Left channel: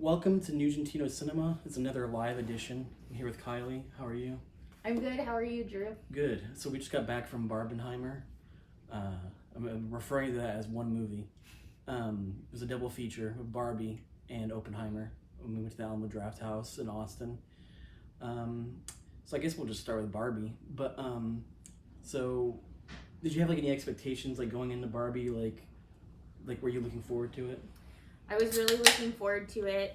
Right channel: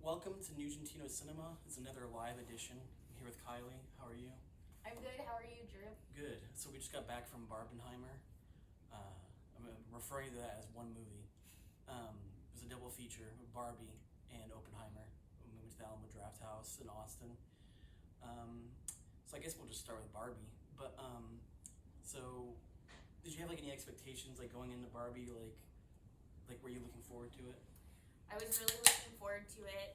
Welcome to Nugentino Cinema. It's another live edition. I'm here with Kylie. How are you? I'm good. How are you, Drew? Good. So we just got back from Barbenheimer. I'm referring to that as one movie. It was a double feature with Barbie and Oppenheimer. We went to the Alamo Draft House in Austin. So I guess we'll just start with Barbie. But so did you have like any expectations like going into Barbie? Like were you looking forward to it? I was really looking forward to it,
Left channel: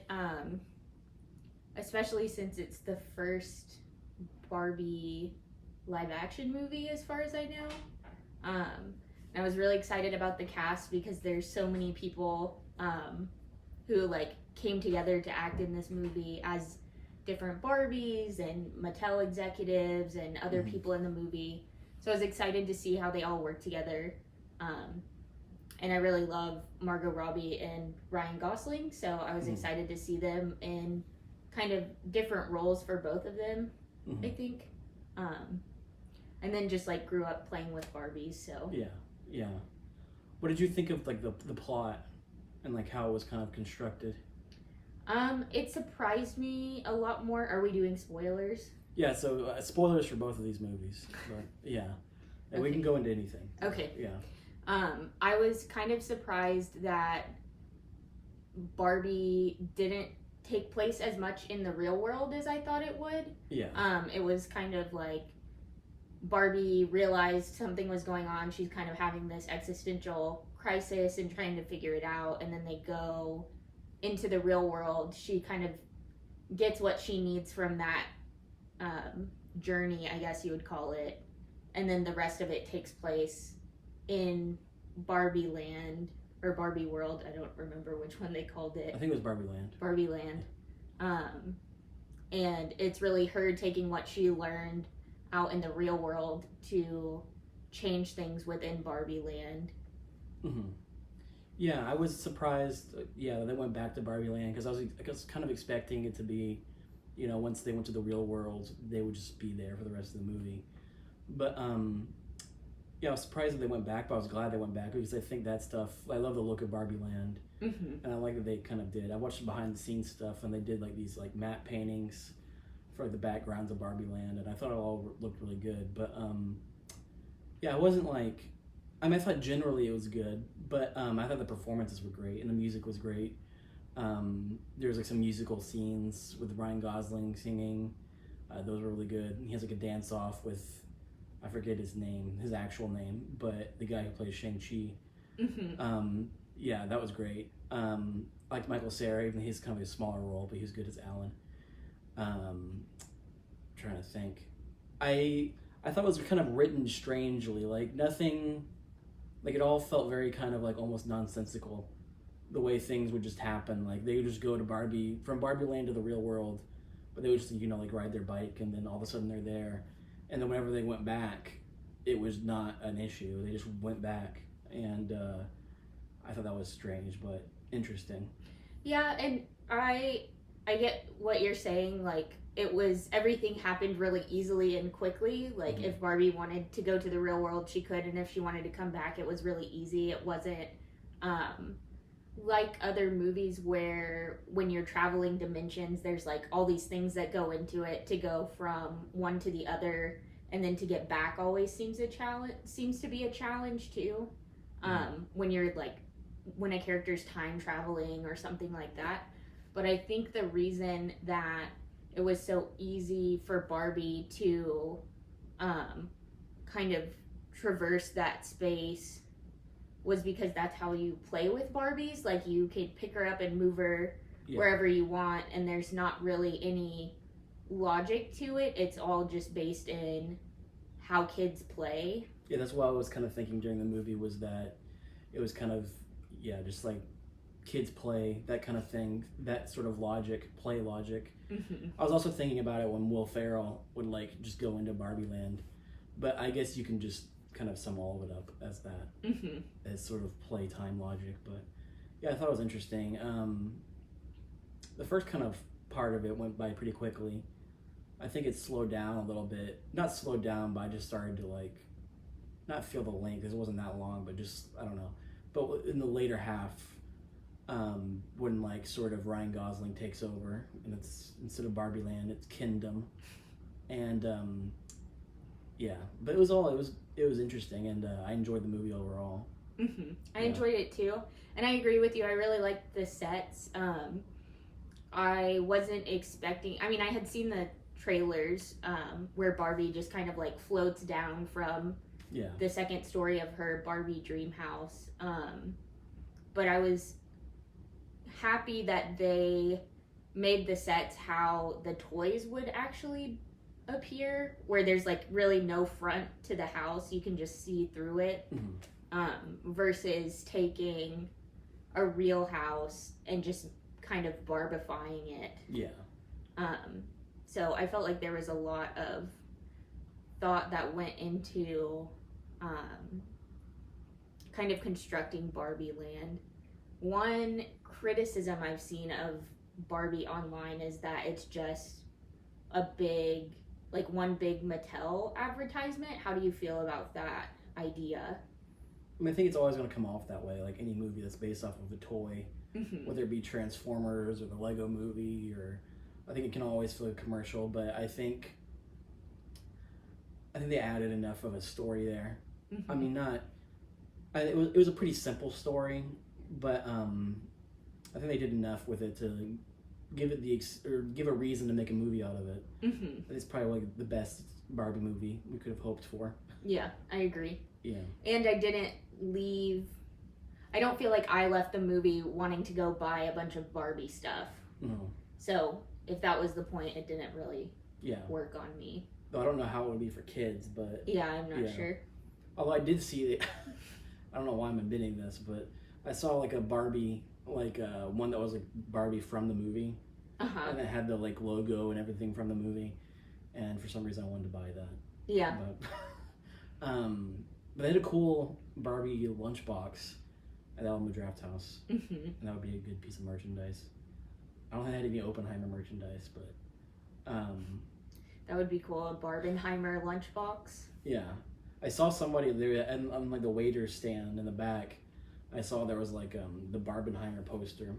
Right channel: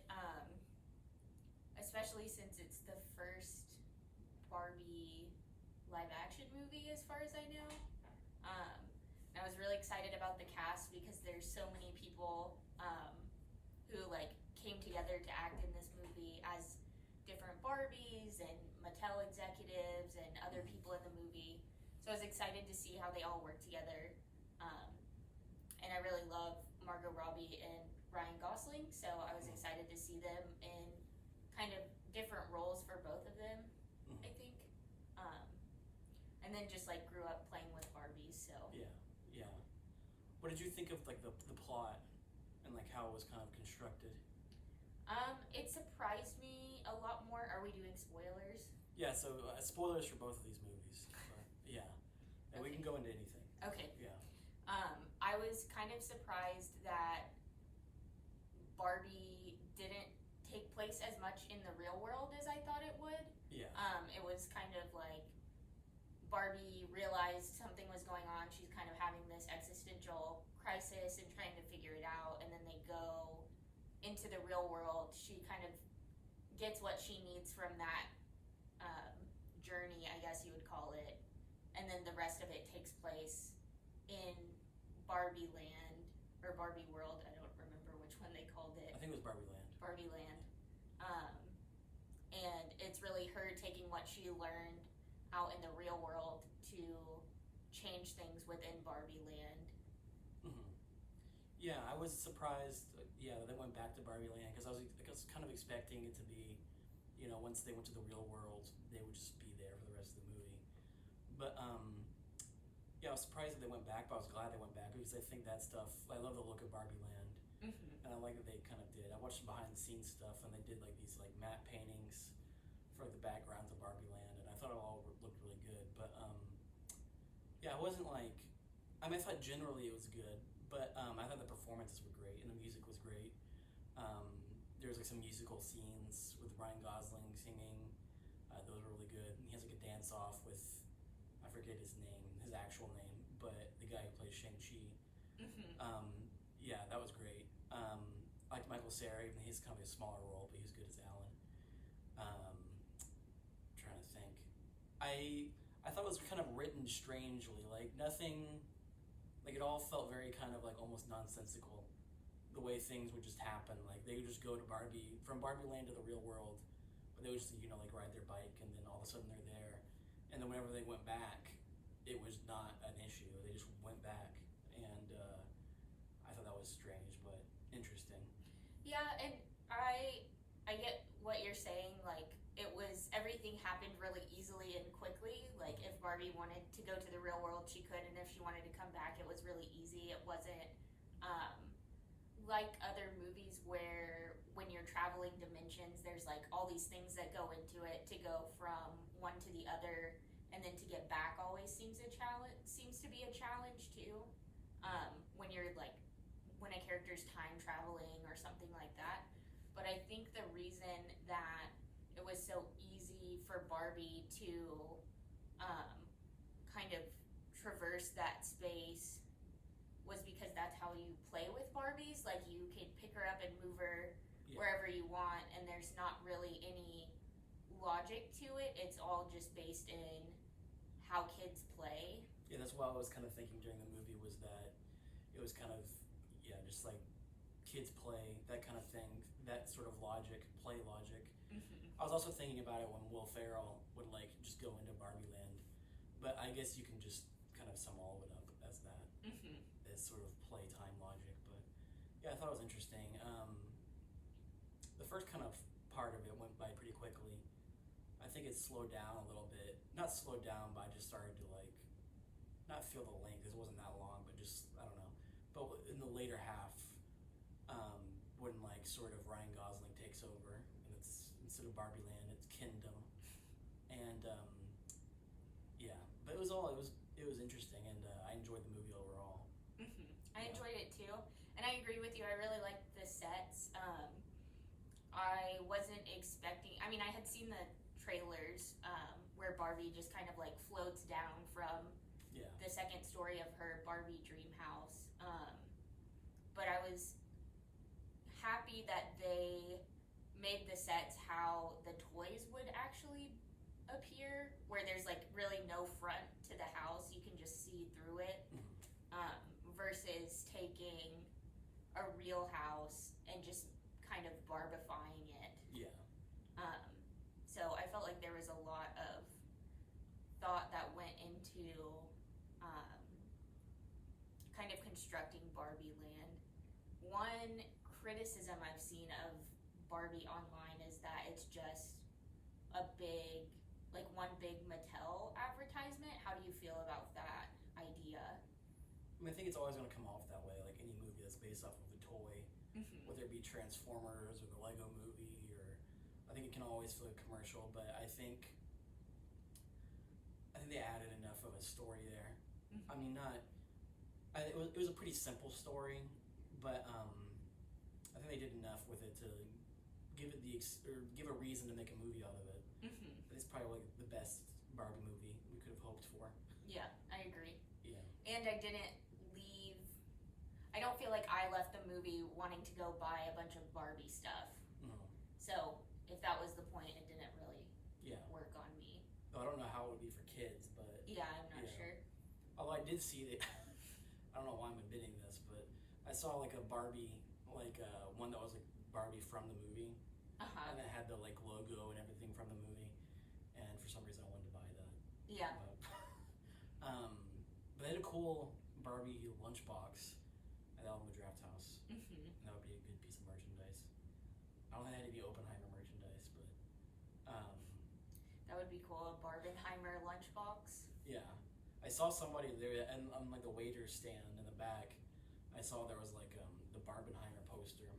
especially since it's the first Barbie live-action movie, as far as I know. I was really excited about the cast because there's so many people who like came together to act in this movie as different Barbies and Mattel executives and other people in the movie. So I was excited to see how they all work together. And I really love Margot Robbie and Ryan Gosling, so I was excited to see them in kind of different roles for both of them, I think. And then just like grew up playing with Barbies, so. Yeah. What did you think of like the plot and like how it was kind of constructed? It surprised me a lot more. Are we doing spoilers? Yeah, so spoilers for both of these movies, but yeah. And we can go into anything. Okay. Yeah. I was kind of surprised that Barbie didn't take place as much in the real world as I thought it would. Yeah. It was kind of like Barbie realized something was going on. She's kind of having this existential crisis and trying to figure it out. And then they go into the real world. She kind of gets what she needs from that journey, I guess you would call it. And then the rest of it takes place in Barbie Land or Barbie World. I don't remember which one they called it. I think it was Barbie Land. Barbie Land. And it's really her taking what she learned out in the real world to change things within Barbie Land. Yeah, I was surprised. Yeah, they went back to Barbie Land because I was kind of expecting it to be, you know, once they went to the real world, they would just be there for the rest of the movie. But yeah, I was surprised that they went back, but I was glad they went back because I think that stuff. I love the look of Barbie Land, and I like that they kind of did. I watched the behind the scenes stuff, and they did like these like matte paintings for the backgrounds of Barbie Land, and I thought it all looked really good. But yeah, it wasn't like. I mean, I thought generally it was good, but I thought the performances were great and the music was great. There was like some musical scenes with Ryan Gosling singing; those were really good. And he has like a dance off with. I forget his name, his actual name, but the guy who plays Shang-Chi. Yeah, that was great. I liked Michael Cera, even he's kind of a smaller role, but he was good as Alan. Trying to think. I thought it was kind of written strangely, like nothing, like it all felt very kind of like almost nonsensical, the way things would just happen. Like they would just go to from Barbie Land to the real world, but they would just, you know, like ride their bike and then all of a sudden they're there. And then whenever they went back, it was not an issue. They just went back, and I thought that was strange, but interesting. Yeah, and I get what you're saying. Like everything happened really easily and quickly. Like if Barbie wanted to go to the real world, she could, and if she wanted to come back, it was really easy. It wasn't like other movies where when you're traveling dimensions, there's like all these things that go into it to go from one to the other, and then to get back always seems to be a challenge too. When you're like when a character's time traveling or something like that. But I think the reason that it was so easy for Barbie to kind of traverse that space was because that's how you play with Barbies. Like you could pick her up and move her wherever you want, and there's not really any logic to it. It's all just based in how kids play. Yeah, that's what I was kind of thinking during the movie, was that it was kind of, yeah, just like kids play, that kind of thing, that sort of play logic. I was also thinking about it when Will Ferrell would like just go into Barbie Land, but I guess you can just kind of sum all of it up as that, as sort of playtime logic. But yeah, I thought it was interesting. The first kind of part of it went by pretty quickly. I think it slowed down a little bit. Not slowed down, but I just started to like not feel the length because it wasn't that long, but just I don't know. But in the later half, when like sort of Ryan Gosling takes over, and it's instead of Barbie Land, it's Kingdom, and yeah, but it was interesting, and I enjoyed the movie overall. I enjoyed it too, and I agree with you. I really liked the sets. I wasn't expecting. I mean, I had seen the trailers where Barbie just kind of like floats down from the second story of her Barbie dream house. But I was happy that they made the sets how the toys would actually appear, where there's like really no front to the house, you can just see through it, versus taking a real house and just kind of barbifying it. So I felt like there was a lot of thought that went into kind of constructing Barbie Land. One criticism I've seen of Barbie online is that it's just a big, like one big Mattel advertisement. How do you feel about that idea? I mean, I think it's always going to come off that way, like any movie that's based off of a toy, whether it be Transformers or the Lego movie, or I think it can always feel commercial, but I think they added enough of a story there. I mean, it was a pretty simple story, but I think they did enough with it to give it give a reason to make a movie out of it. It's probably like the best Barbie movie we could have hoped for. Yeah, I agree. Yeah. And I don't feel like I left the movie wanting to go buy a bunch of Barbie stuff. So if that was the point, it didn't really work on me. Though I don't know how it would be for kids, but yeah, I'm not sure. Although I did see it, I don't know why I'm admitting this, but I saw like a Barbie, like one that was like Barbie from the movie, and it had the like logo and everything from the movie, and for some reason I wanted to buy that. Yeah. But they had a cool Barbie lunchbox at Alamo Draft House, and that would be a good piece of merchandise. I don't think they had any Oppenheimer merchandise, but that would be cool. A Barbenheimer lunchbox. Yeah, I saw somebody there, and on like the waiter stand in the back, I saw there was like the Barbenheimer poster.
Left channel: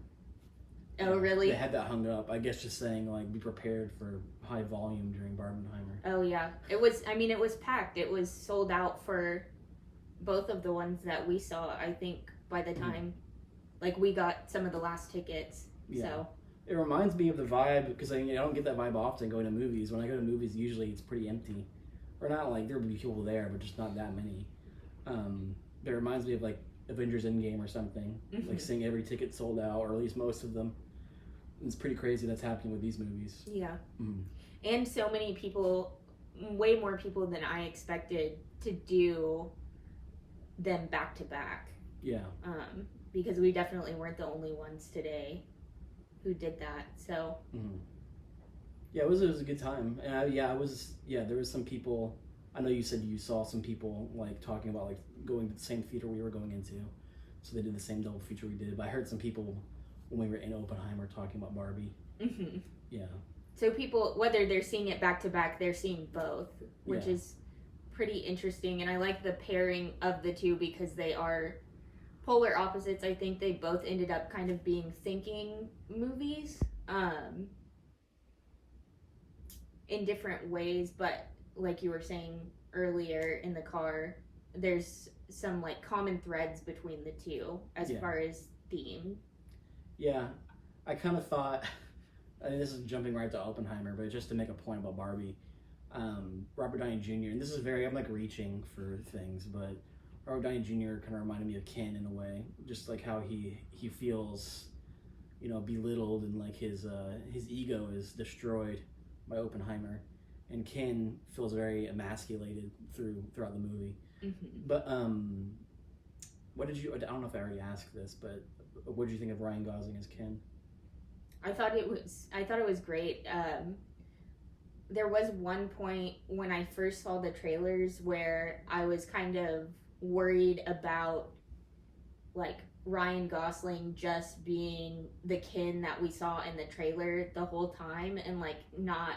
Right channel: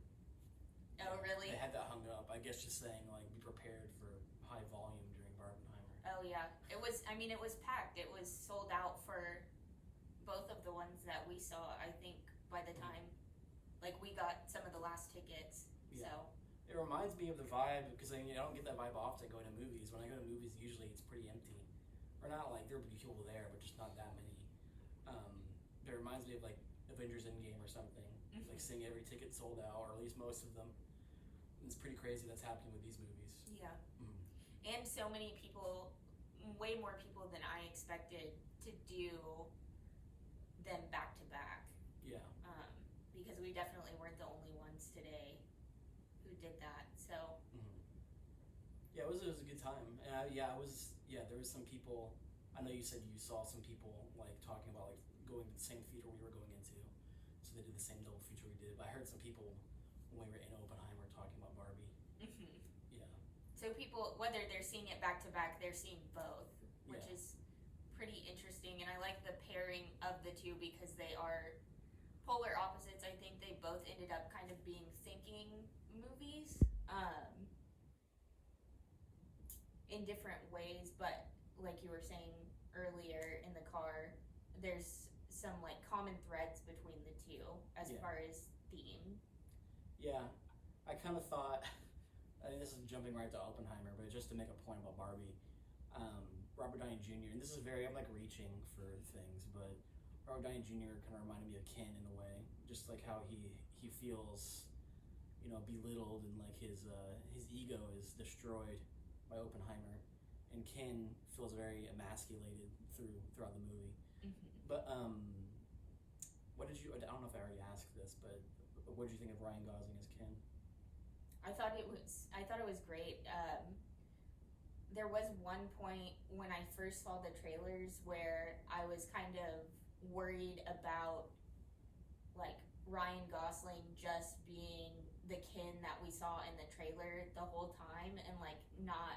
Oh, really? They had that hung up. I guess just saying like be prepared for high volume during Barbenheimer. Oh yeah, it was. I mean, it was packed. It was sold out for both of the ones that we saw. I think by the time, like we got some of the last tickets. Yeah. So. It reminds me of the vibe, because I don't get that vibe often going to movies. When I go to movies, usually it's pretty empty. Or not like there'll be people there, but just not that many. But it reminds me of like Avengers Endgame or something. Like seeing every ticket sold out, or at least most of them. It's pretty crazy that's happening with these movies. Yeah. And so many people, way more people than I expected to do them back to back. Yeah. Because we definitely weren't the only ones today who did that, so yeah, it was a good time, and there was some people. I know you said you saw some people like talking about like going to the same theater we were going into, so they did the same double feature we did. But I heard some people when we were in Oppenheimer talking about Barbie. Yeah. So people, whether they're seeing it back to back, they're seeing both, which is pretty interesting, and I like the pairing of the two because they are polar opposites. I think they both ended up kind of being thinking movies in different ways, but like you were saying earlier in the car, there's some like common threads between the two as far as theme. Yeah, I kind of thought, I mean, this is jumping right to Oppenheimer, but just to make a point about Barbie, Robert Downey Jr., and this is I'm like reaching for things, but Robert Downey Jr. kind of reminded me of Ken in a way, just like how he feels, belittled, and like his ego is destroyed by Oppenheimer, and Ken feels very emasculated throughout the movie. But what did you? I don't know if I already asked this, but what did you think of Ryan Gosling as Ken? I thought it was great. There was one point when I first saw the trailers where I was kind of worried about like Ryan Gosling just being the Ken that we saw in the trailer the whole time, and like not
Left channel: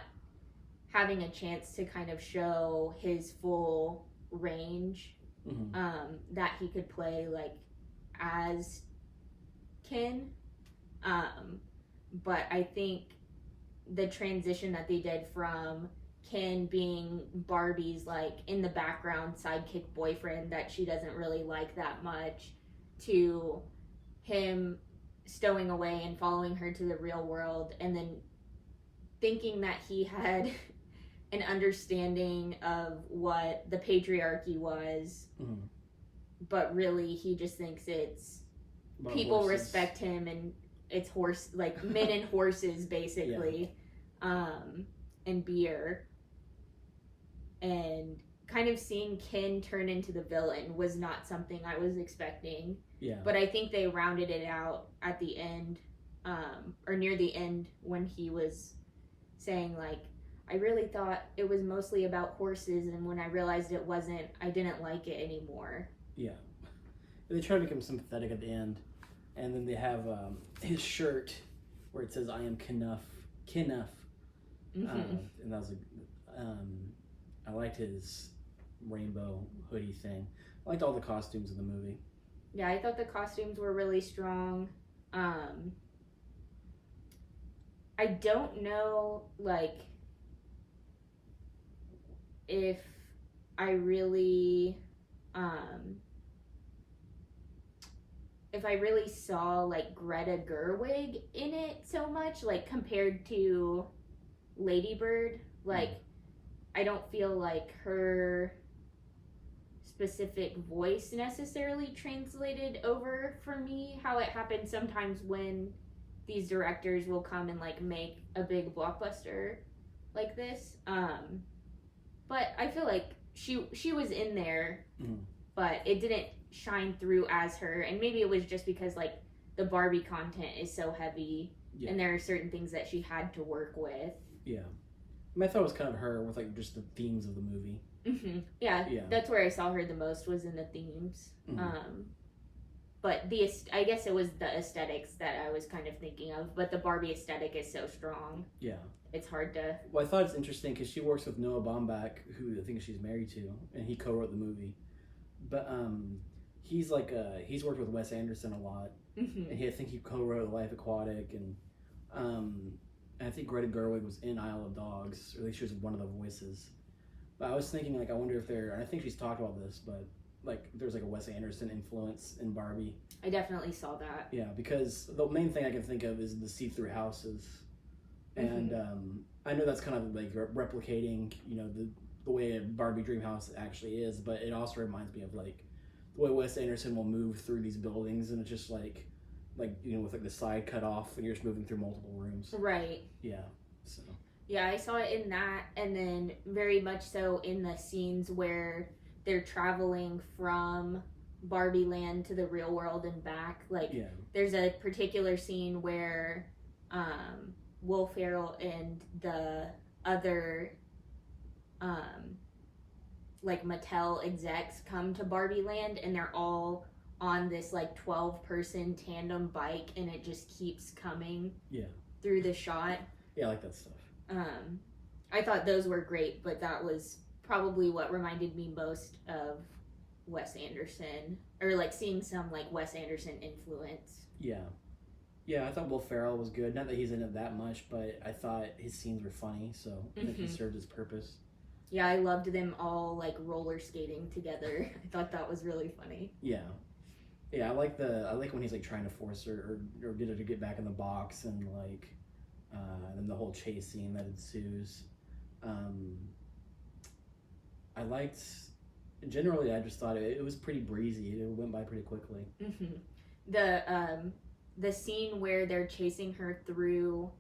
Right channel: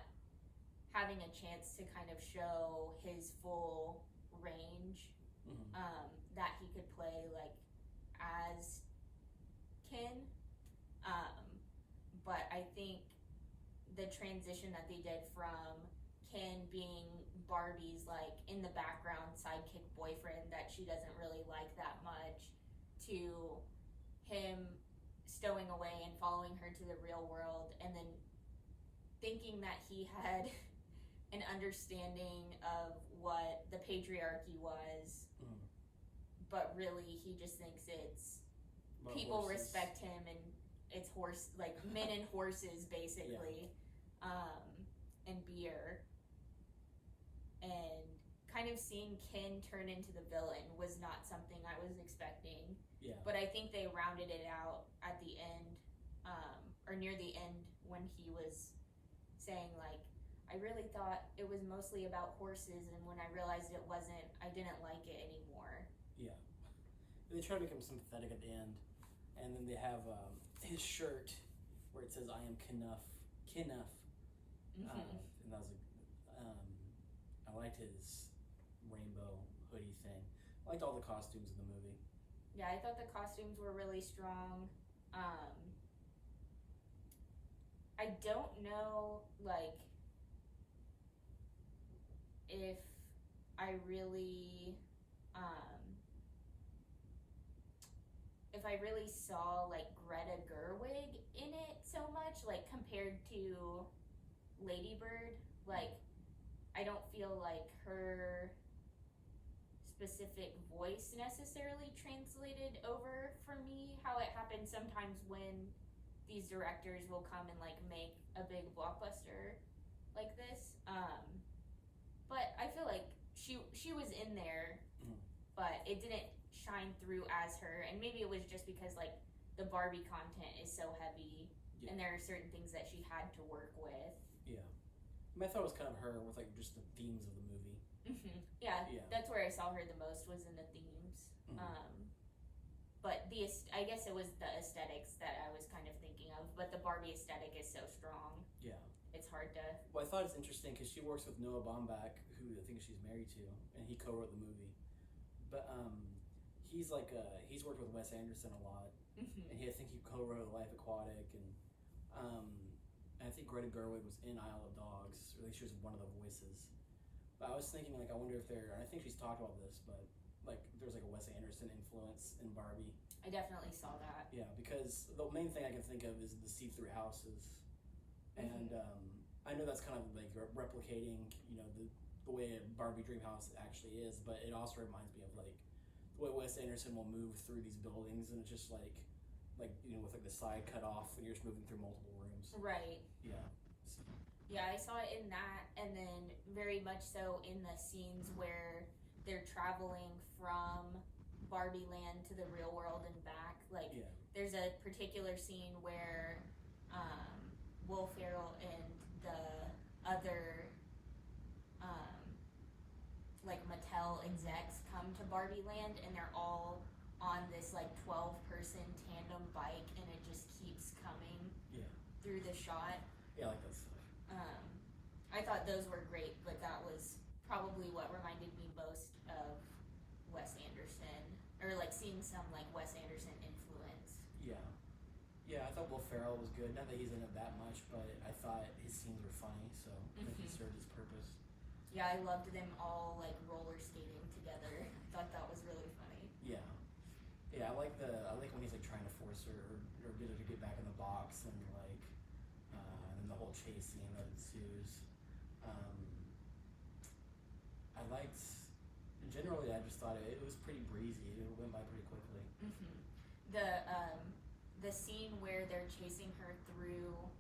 having a chance to kind of show his full range, that he could play like as Ken. But I think the transition that they did from Ken being Barbie's like in the background sidekick boyfriend that she doesn't really like that much to him stowing away and following her to the real world, and then thinking that he had an understanding of what the patriarchy was, but really he just thinks it's about people horses. Respect him and it's horse like men and horses basically, and beer, and kind of seeing Ken turn into the villain was not something I was expecting. Yeah. But I think they rounded it out at the end, or near the end, when he was saying like, I really thought it was mostly about horses, and when I realized it wasn't, I didn't like it anymore. Yeah. They try to make him sympathetic at the end, and then they have his shirt where it says, I am Knuff. And that was I liked his rainbow hoodie thing. I liked all the costumes in the movie. Yeah, I thought the costumes were really strong. I don't know, like, if I really saw like Greta Gerwig in it so much, like compared to Lady Bird. Like, I don't feel like her specific voice necessarily translated over for me how it happens sometimes when these directors will come and like make a big blockbuster like this. But I feel like she was in there, but it didn't shine through as her, and maybe it was just because like the Barbie content is so heavy, and there are certain things that she had to work with. Yeah. I thought it was kind of her with like just the themes of the movie. Yeah, that's where I saw her the most, was in the themes. But I guess it was the aesthetics that I was kind of thinking of, but the Barbie aesthetic is so strong. Yeah. It's hard to... Well, I thought it's interesting because she works with Noah Baumbach, who I think she's married to, and he co-wrote the movie. But he's like he's worked with Wes Anderson a lot, and I think he co-wrote Life Aquatic, and I think Greta Gerwig was in Isle of Dogs, or at least she was one of the voices. But I was thinking, like, I wonder if and I think she's talked about this, but like there's like a Wes Anderson influence in Barbie. I definitely saw that. Yeah, because the main thing I can think of is the see-through houses. And I know that's kind of like replicating, you know, the way a Barbie dream house actually is, but it also reminds me of like the way Wes Anderson will move through these buildings, and it's just like you know, with like the side cut off, and you're just moving through multiple rooms. Right. Yeah. So. Yeah, I saw it in that, and then very much so in the scenes where they're traveling from Barbie Land to the real world and back. Like, there's a particular scene where Will Ferrell and the other like Mattel execs come to Barbie Land, and they're all on this like 12-person tandem bike, and it just keeps coming through the shot. Yeah, I like that stuff. I thought those were great, but that was probably what reminded me most of Wes Anderson, or like seeing some like Wes Anderson influence. Yeah, I thought Will Ferrell was good. Not that he's in it that much, but I thought his scenes were funny, so I think he served his purpose. Yeah, I loved them all like roller skating together. I thought that was really funny. Yeah, I like when he's like trying to force her or get her to get back in the box, and like then the whole chase scene that ensues. Generally, I just thought it was pretty breezy. It went by pretty quickly. The scene where they're chasing her through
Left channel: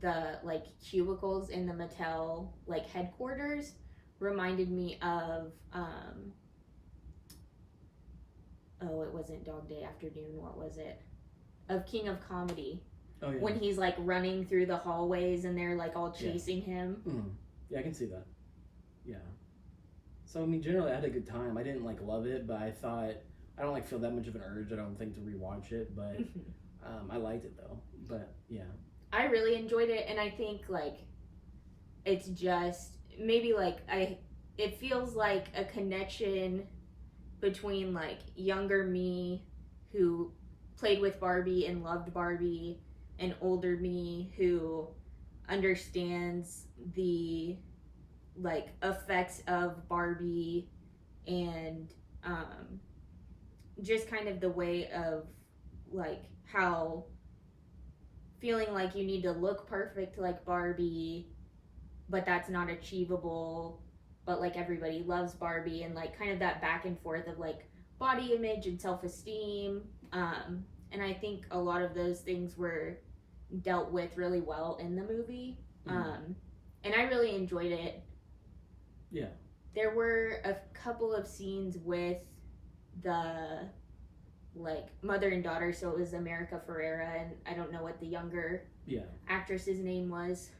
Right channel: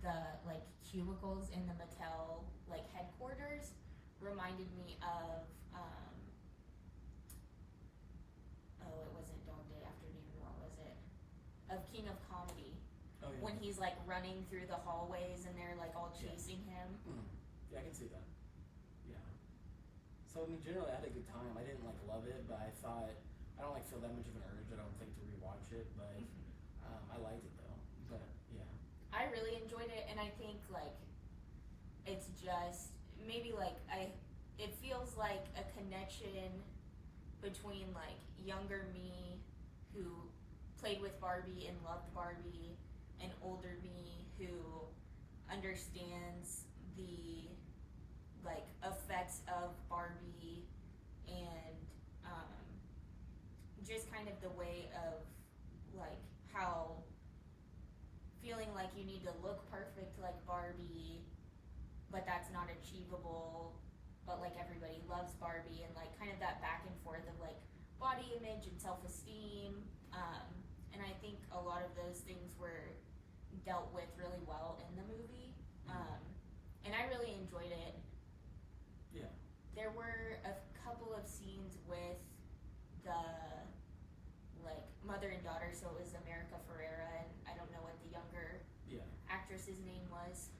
the like cubicles in the Mattel like headquarters reminded me of it wasn't Dog Day Afternoon, what was it? Of King of Comedy. Oh, yeah. When he's like running through the hallways and they're like all chasing him. Yeah, I can see that. Yeah. So I mean, generally I had a good time. I didn't like love it, but I thought I don't like feel that much of an urge, I don't think, to rewatch it, but I liked it though. But yeah. I really enjoyed it, and I think like it's just maybe like it feels like a connection between like younger me who played with Barbie and loved Barbie, an older me who understands the like effects of Barbie and just kind of the way of like how feeling like you need to look perfect like Barbie, but that's not achievable, but like everybody loves Barbie, and like kind of that back and forth of like body image and self-esteem. And I think a lot of those things were dealt with really well in the movie. And I really enjoyed it. Yeah. There were a couple of scenes with the like mother and daughter, so it was America Ferrera and I don't know what the younger actress's name was,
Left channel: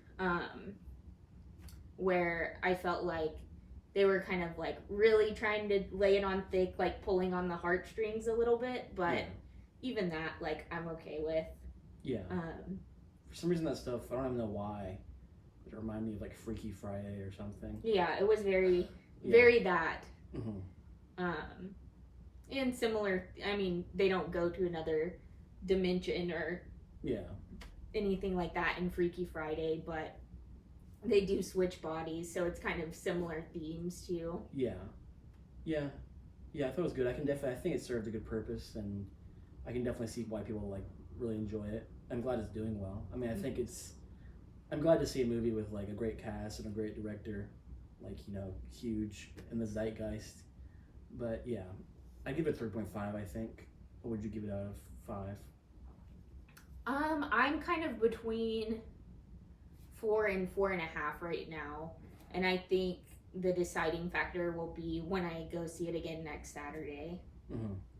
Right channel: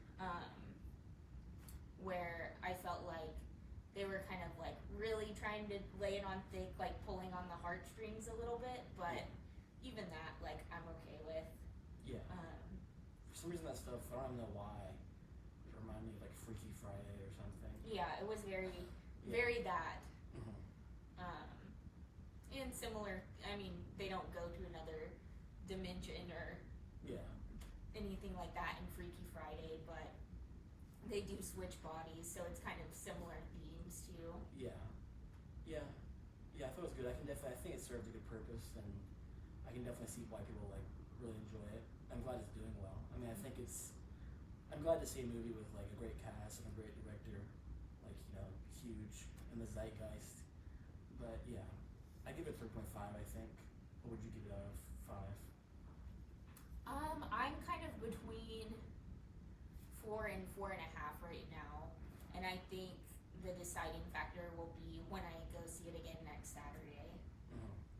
where I felt like they were kind of like really trying to lay it on thick, like pulling on the heartstrings a little bit, but even that, like, I'm okay with. Yeah. For some reason that stuff, I don't even know why, it reminded me of like Freaky Friday or something. Yeah, it was very that. And similar, I mean, they don't go to another dimension or anything like that in Freaky Friday, but they do switch bodies, so it's kind of similar themes too. Yeah, I thought it was good. I think it served a good purpose, and I can definitely see why people like really enjoy it. I'm glad it's doing well. I mean, I think I'm glad to see a movie with like a great cast and a great director, like, you know, huge in the zeitgeist. But yeah, I give it 3.5, I think. What would you give it out of 5? I'm kind of between 4 and 4.5 right now, and I think the deciding factor will be when I go see it again next Saturday.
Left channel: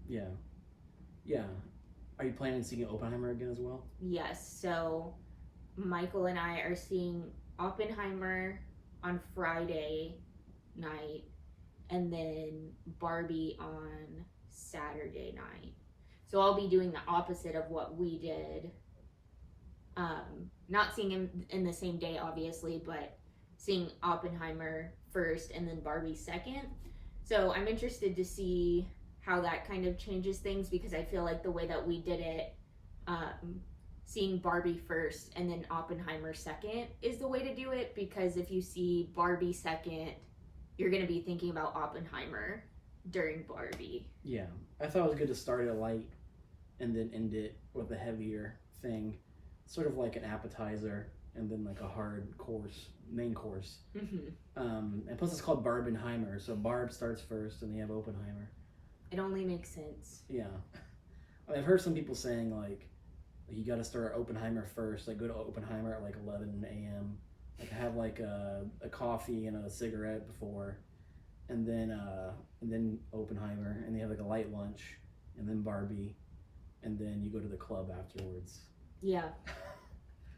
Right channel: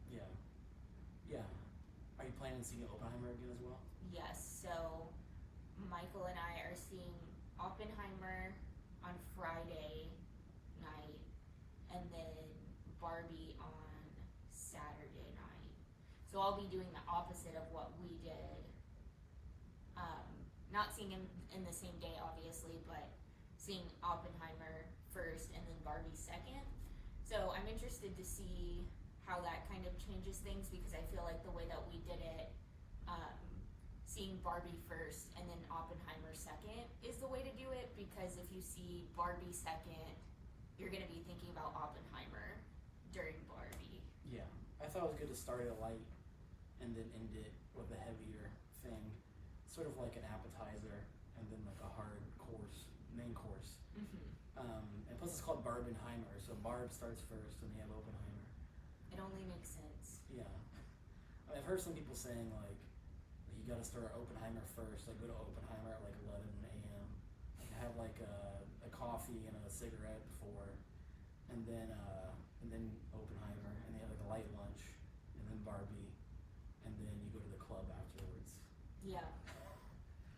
Yeah. Are you planning on seeing Oppenheimer again as well? Yes. So Michael and I are seeing Oppenheimer on Friday night, and then Barbie on Saturday night. So I'll be doing the opposite of what we did. Not seeing him in the same day, obviously, but seeing Oppenheimer first and then Barbie second. So I'm interested to see how that kind of changes things, because I feel like the way that we did it, seeing Barbie first and then Oppenheimer second is the way to do it, because if you see Barbie second, you're going to be thinking about Oppenheimer during Barbie. Yeah, I thought it was good to start it light and then end it with a heavier thing, sort of like an appetizer and then like a hard course, main course. And plus it's called Barbenheimer, so Barb starts first and then you have Oppenheimer. It only makes sense. Yeah. I mean, I've heard some people saying like you got to start Oppenheimer first, like go to Oppenheimer at like 11 a.m. Like have like a coffee and a cigarette before, and then Oppenheimer, and they have like a light lunch, and then Barbie, and then you go to the club afterwards. Yeah.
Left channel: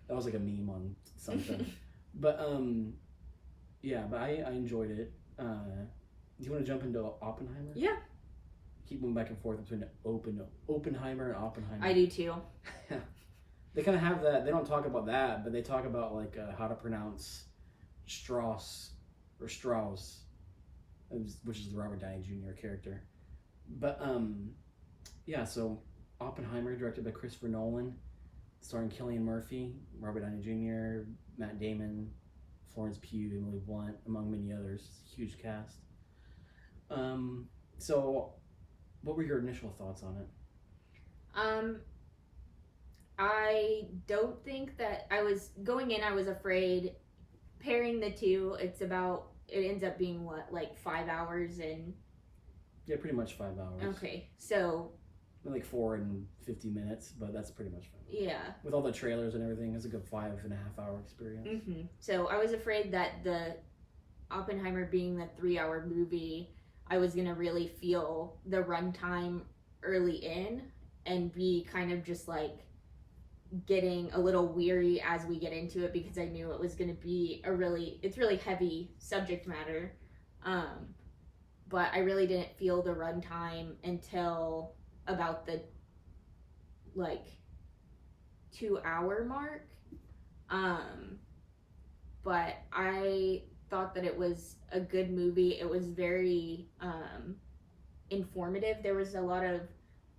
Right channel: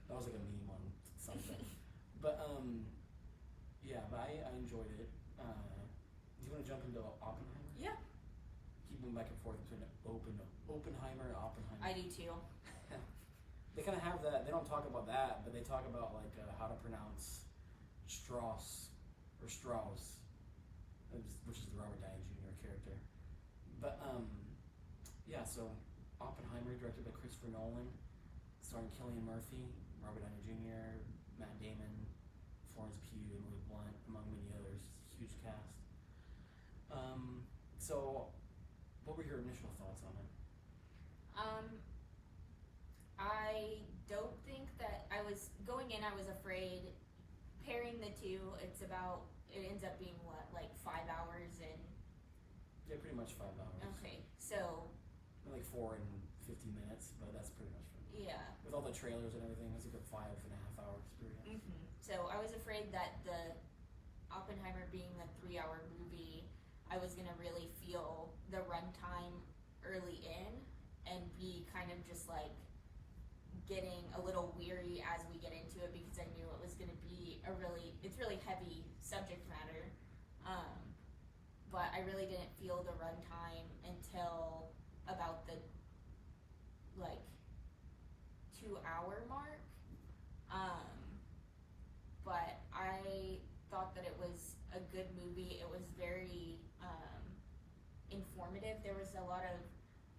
That was like a meme on something. But but I enjoyed it. Do you want to jump into Oppenheimer? Yeah. Keep going back and forth between Oppenheimer and Oppenheimer. I do too. They kind of have that. They don't talk about that, but they talk about like how to pronounce Strauss, which is the Robert Downey Jr. character. But so Oppenheimer, directed by Christopher Nolan, starring Cillian Murphy, Robert Downey Jr., Matt Damon, Florence Pugh, Emily Blunt, among many others. Huge cast. So what were your initial thoughts on it? I don't think that I was going in. I was afraid pairing the two. It ends up being what, like 5 hours and. Yeah, pretty much 5 hours. Okay, so. Like 4 and 50 minutes, but that's pretty much fine. Yeah. With all the trailers and everything, it's a good 5.5 hour experience. So I was afraid that the Oppenheimer being the 3-hour movie, I was gonna really feel the runtime early in and be kind of just like getting a little weary as we get into it, because I knew it was gonna be it's really heavy subject matter. But I really didn't feel the runtime until about the like 2-hour mark. But I thought that it was a good movie. It was very informative. There was a lot of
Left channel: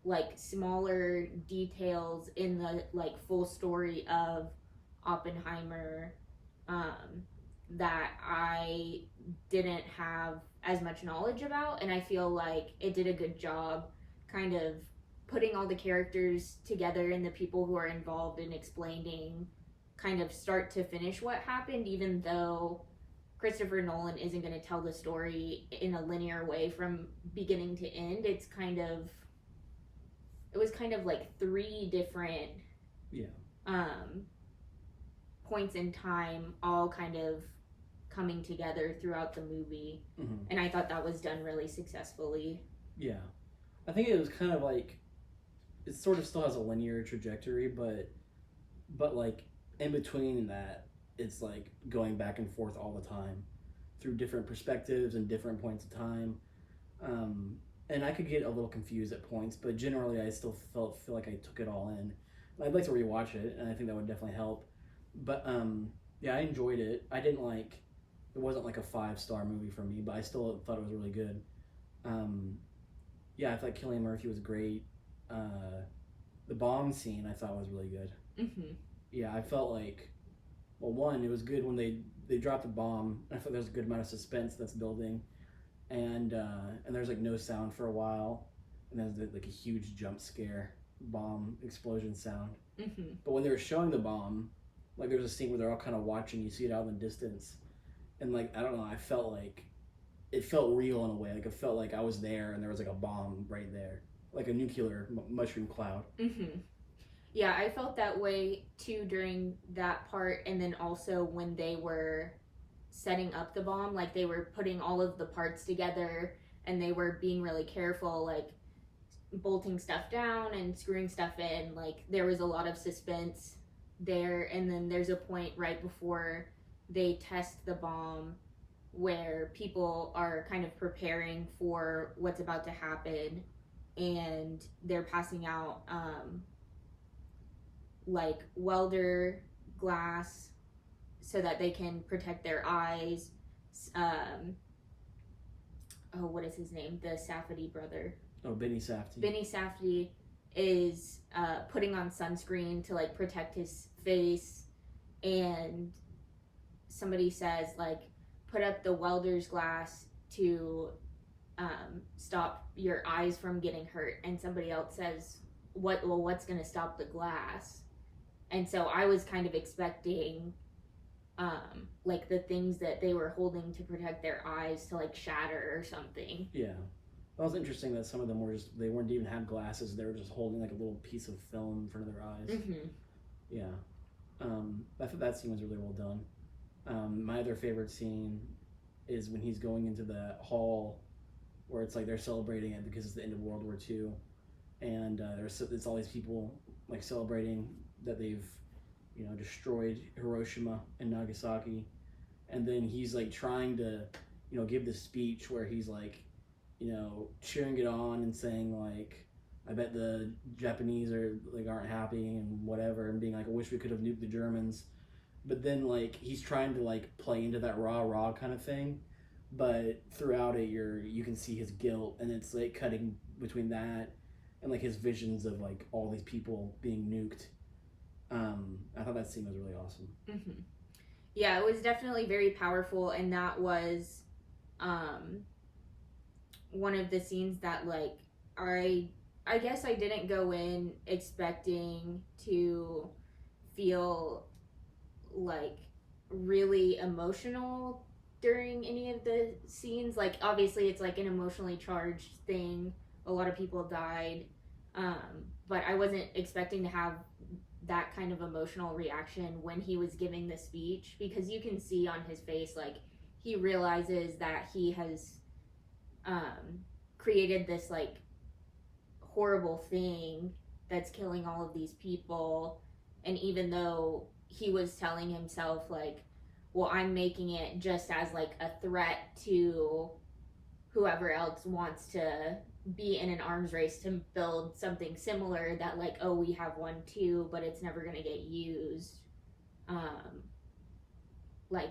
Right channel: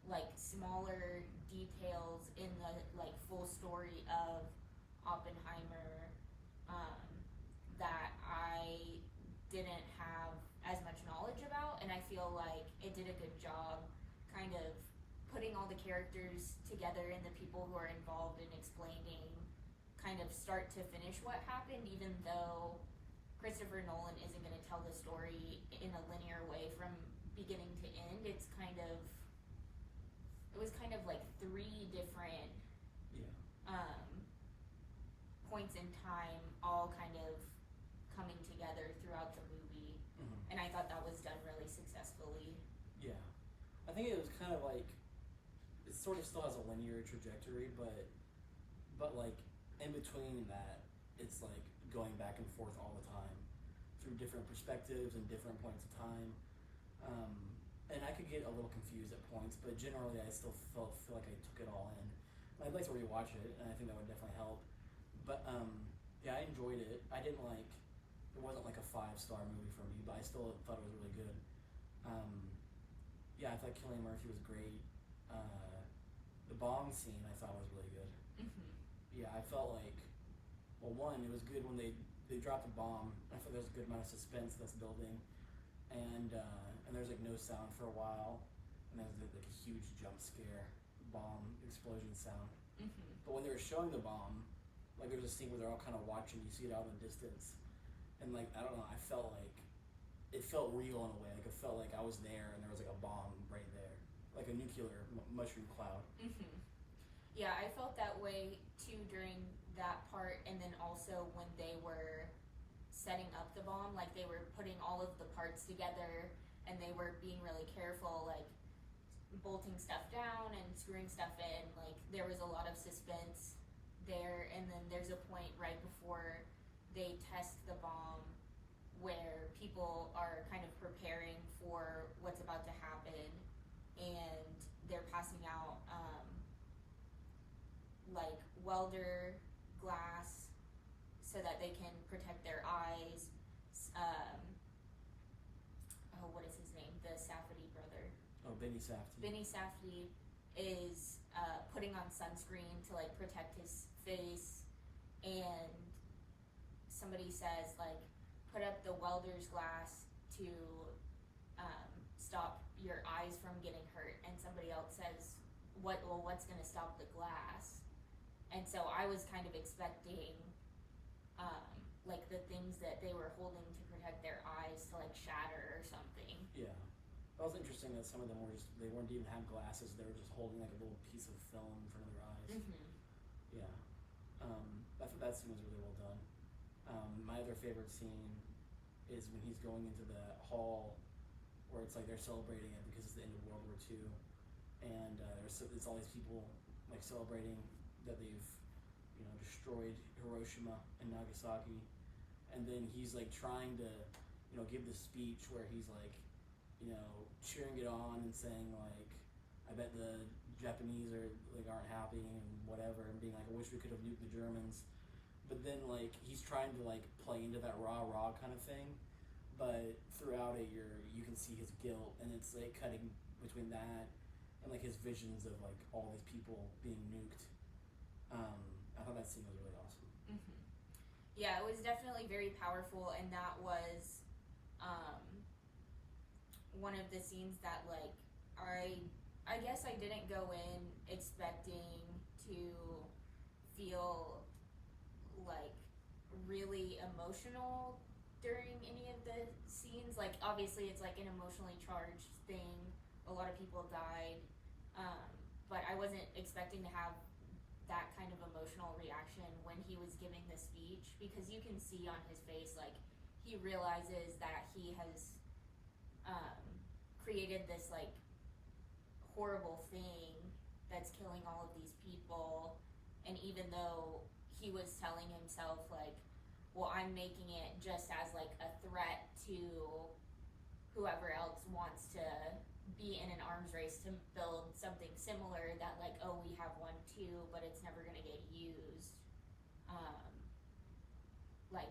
like smaller details in the like full story of Oppenheimer that I didn't have as much knowledge about, and I feel like it did a good job kind of putting all the characters together and the people who are involved in explaining kind of start to finish what happened, even though Christopher Nolan isn't going to tell the story in a linear way from beginning to end. It was kind of like three different points in time all kind of coming together throughout the movie. And I thought that was done really successfully. Yeah, I think it was kind of like, it sort of still has a linear trajectory, but like in between that, it's like going back and forth all the time through different perspectives and different points of time. And I could get a little confused at points, but generally I still feel like I took it all in. I'd like to rewatch it, and I think that would definitely help. But yeah, I enjoyed it. It wasn't like a 5-star movie for me, but I still thought it was really good. Yeah, I thought Cillian Murphy was great. The bomb scene I thought was really good. Yeah, I felt like, well, one, it was good when they dropped the bomb. I thought there was a good amount of suspense that's building, and there's like no sound for a while, and there's like a huge jump scare bomb explosion sound. But when they were showing the bomb, like there was a scene where they're all kind of watching, you see it out in the distance, and like I don't know, I felt like it felt real in a way. Like it felt like I was there and there was like a bomb right there, like a nuclear mushroom cloud. Yeah, I felt that way too during that part, and then also when they were setting up the bomb, like they were putting all of the parts together and they were being really careful, like bolting stuff down and screwing stuff in. Like there was a lot of suspense there, and then there's a point right before they test the bomb where people are kind of preparing for what's about to happen, and they're passing out like welder glass so that they can protect their eyes. What is his name? The Safdie brother. Oh, Benny Safdie. Benny Safdie is putting on sunscreen to like protect his face, and somebody says like, put up the welder's glass to stop your eyes from getting hurt, and somebody else says, what's going to stop the glass? And so I was kind of expecting like the things that they were holding to protect their eyes to like shatter or something. Yeah, that was interesting that some of them they weren't even have glasses, they were just holding like a little piece of film in front of their eyes. Yeah, I thought that scene was really well done. My other favorite scene is when he's going into the hall where it's like they're celebrating it because it's the end of World War II, and it's all these people like celebrating that they've destroyed Hiroshima and Nagasaki, and then he's like trying to give this speech where he's like cheering it on and saying like, I bet the Japanese aren't happy and whatever, and being like, I wish we could have nuked the Germans. But then like he's trying to like play into that rah kind of thing, but throughout it you can see his guilt, and it's like cutting between that and like his visions of like all these people being nuked. I thought that scene was really awesome. Yeah, it was definitely very powerful, and that was one of the scenes that like I guess I didn't go in expecting to feel like really emotional during any of the scenes. Like obviously it's like an emotionally charged thing, a lot of people died, but I wasn't expecting to have that kind of emotional reaction when he was giving the speech, because you can see on his face like he realizes that he has created this like horrible thing that's killing all of these people, and even though he was telling himself like, well, I'm making it just as like a threat to whoever else wants to be in an arms race to build something similar, that like, oh, we have one too, but it's never going to get used. Like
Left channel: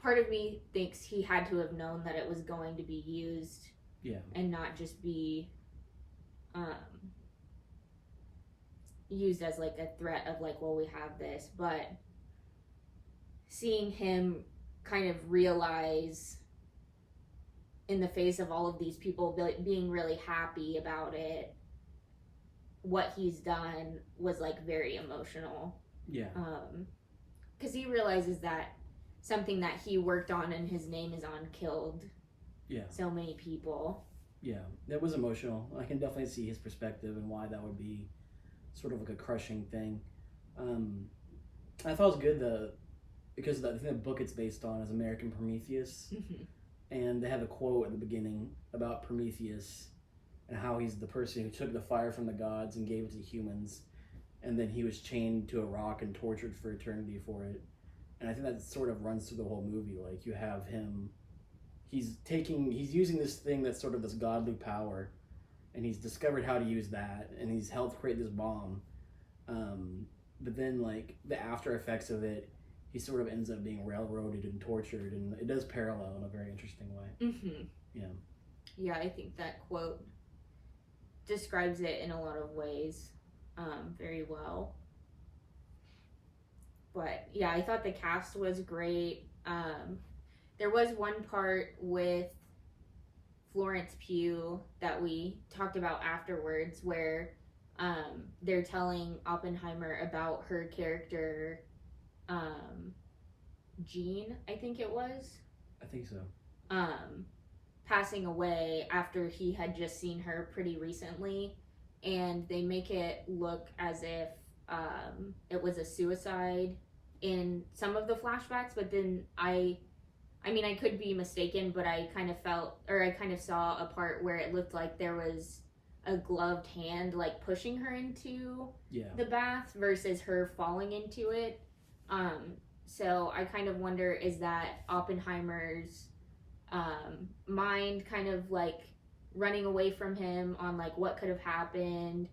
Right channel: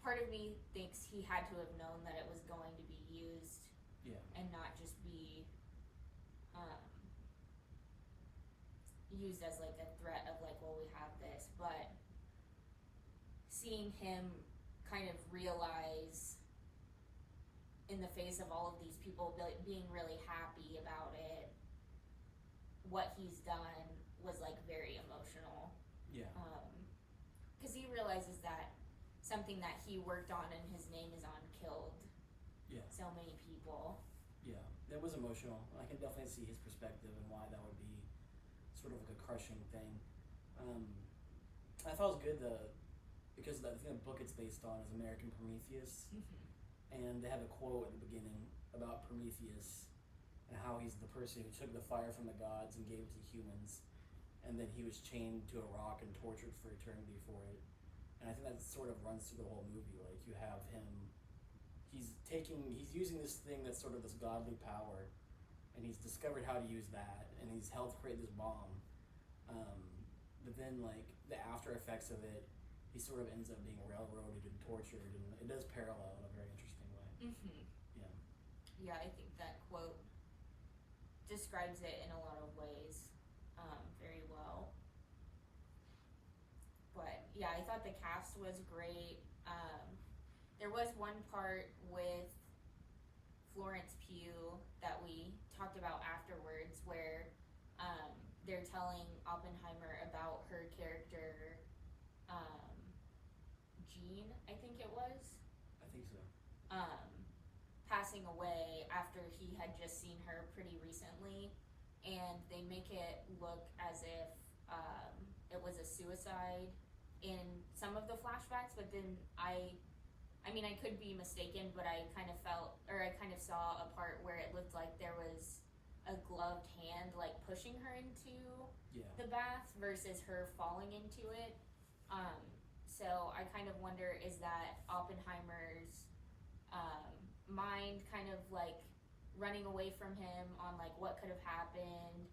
part of me thinks he had to have known that it was going to be used, yeah, and not just be used as like a threat of like, well, we have this, but seeing him kind of realize in the face of all of these people being really happy about it, what he's done was like very emotional. Yeah. Because he realizes that something that he worked on and his name is on killed so many people. Yeah, that was emotional. I can definitely see his perspective and why that would be sort of like a crushing thing. I thought it was good because I think the book it's based on is American Prometheus, and they have a quote at the beginning about Prometheus and how he's the person who took the fire from the gods and gave it to humans, and then he was chained to a rock and tortured for eternity for it. And I think that sort of runs through the whole movie. Like, you have him, he's using this thing that's sort of this godly power, and he's discovered how to use that, and he's helped create this bomb. But then, like, the after effects of it, he sort of ends up being railroaded and tortured, and it does parallel in a very interesting way. Yeah, I think that quote describes it in a lot of ways very well. But yeah, I thought the cast was great. There was one part with Florence Pugh that we talked about afterwards where they're telling Oppenheimer about her character, Jean, I think it was. I think so. Passing away after he had just seen her pretty recently, and they make it look as if it was a suicide in some of the flashbacks, but then I mean, I could be mistaken, but I kind of saw a part where it looked like there was a gloved hand like pushing her into the bath versus her falling into it. So I kind of wonder, is that Oppenheimer's mind kind of like running away from him on like what could have happened?